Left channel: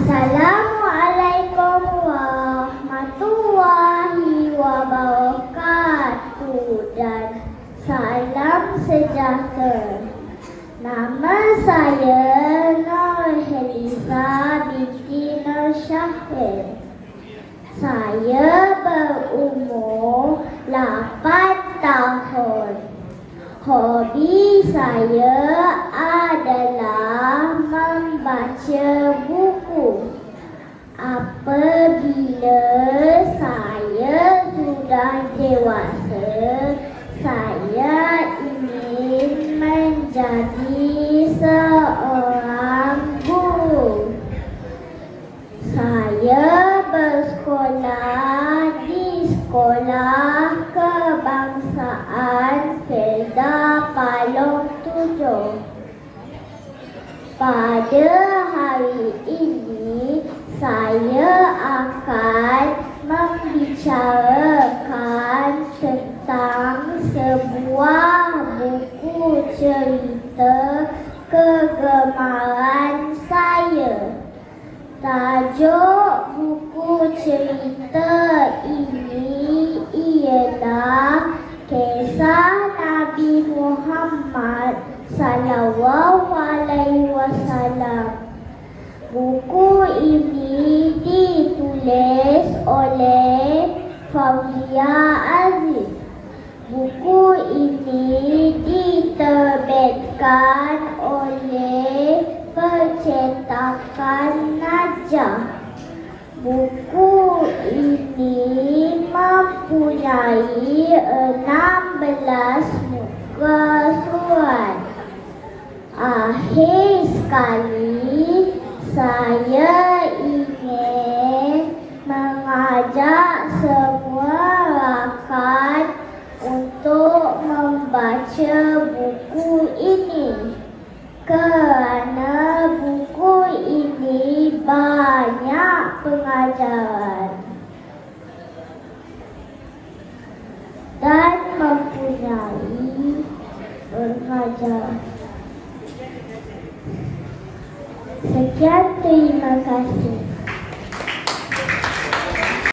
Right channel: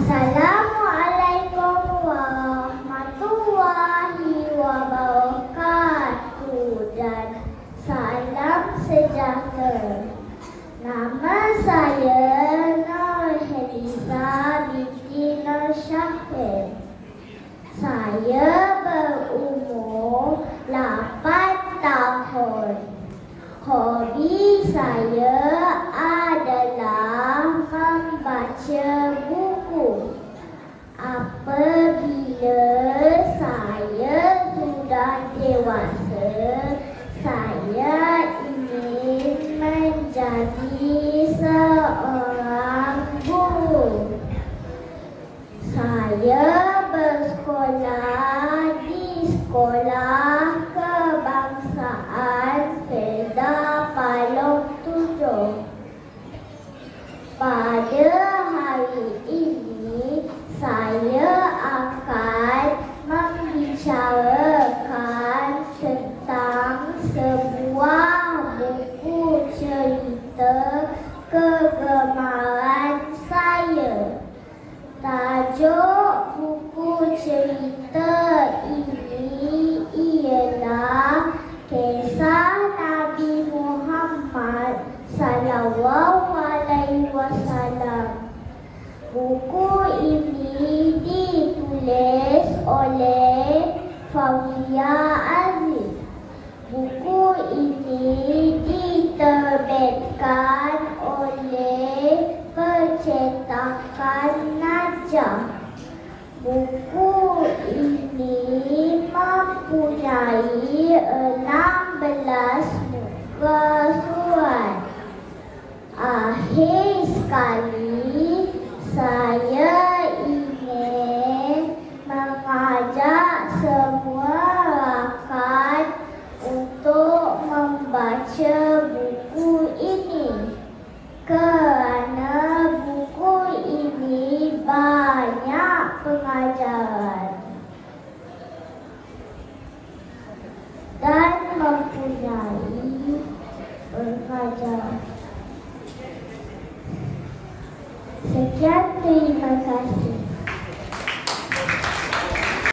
Assalamualaikum warahmatullahi wabarakatuh dan salam sejahtera. Nama saya Nurhaliza binti Nur Syahir. Saya berumur 8 tahun. Hobi saya adalah membaca buku. Apabila saya sudah dewasa, saya ingin menjadi seorang guru. Saya bersekolah di Sekolah Kebangsaan Felda Palong 7. Pada hari ini, saya akan membicarakan tentang sebuah buku cerita kegemaran saya. Tajuk buku cerita ini ialah Kisah Nabi Muhammad SAW. Buku ini ditulis oleh Fauzia Aziz. Buku ini diterbitkan oleh Percetakan Najah. Buku ini mempunyai 16 muka surat. Akhir sekali, saya ingin mengajak semua rakan untuk membaca buku ini kerana buku ini banyak pengajaran dan mempunyai pengajaran. Sekian, terima kasih.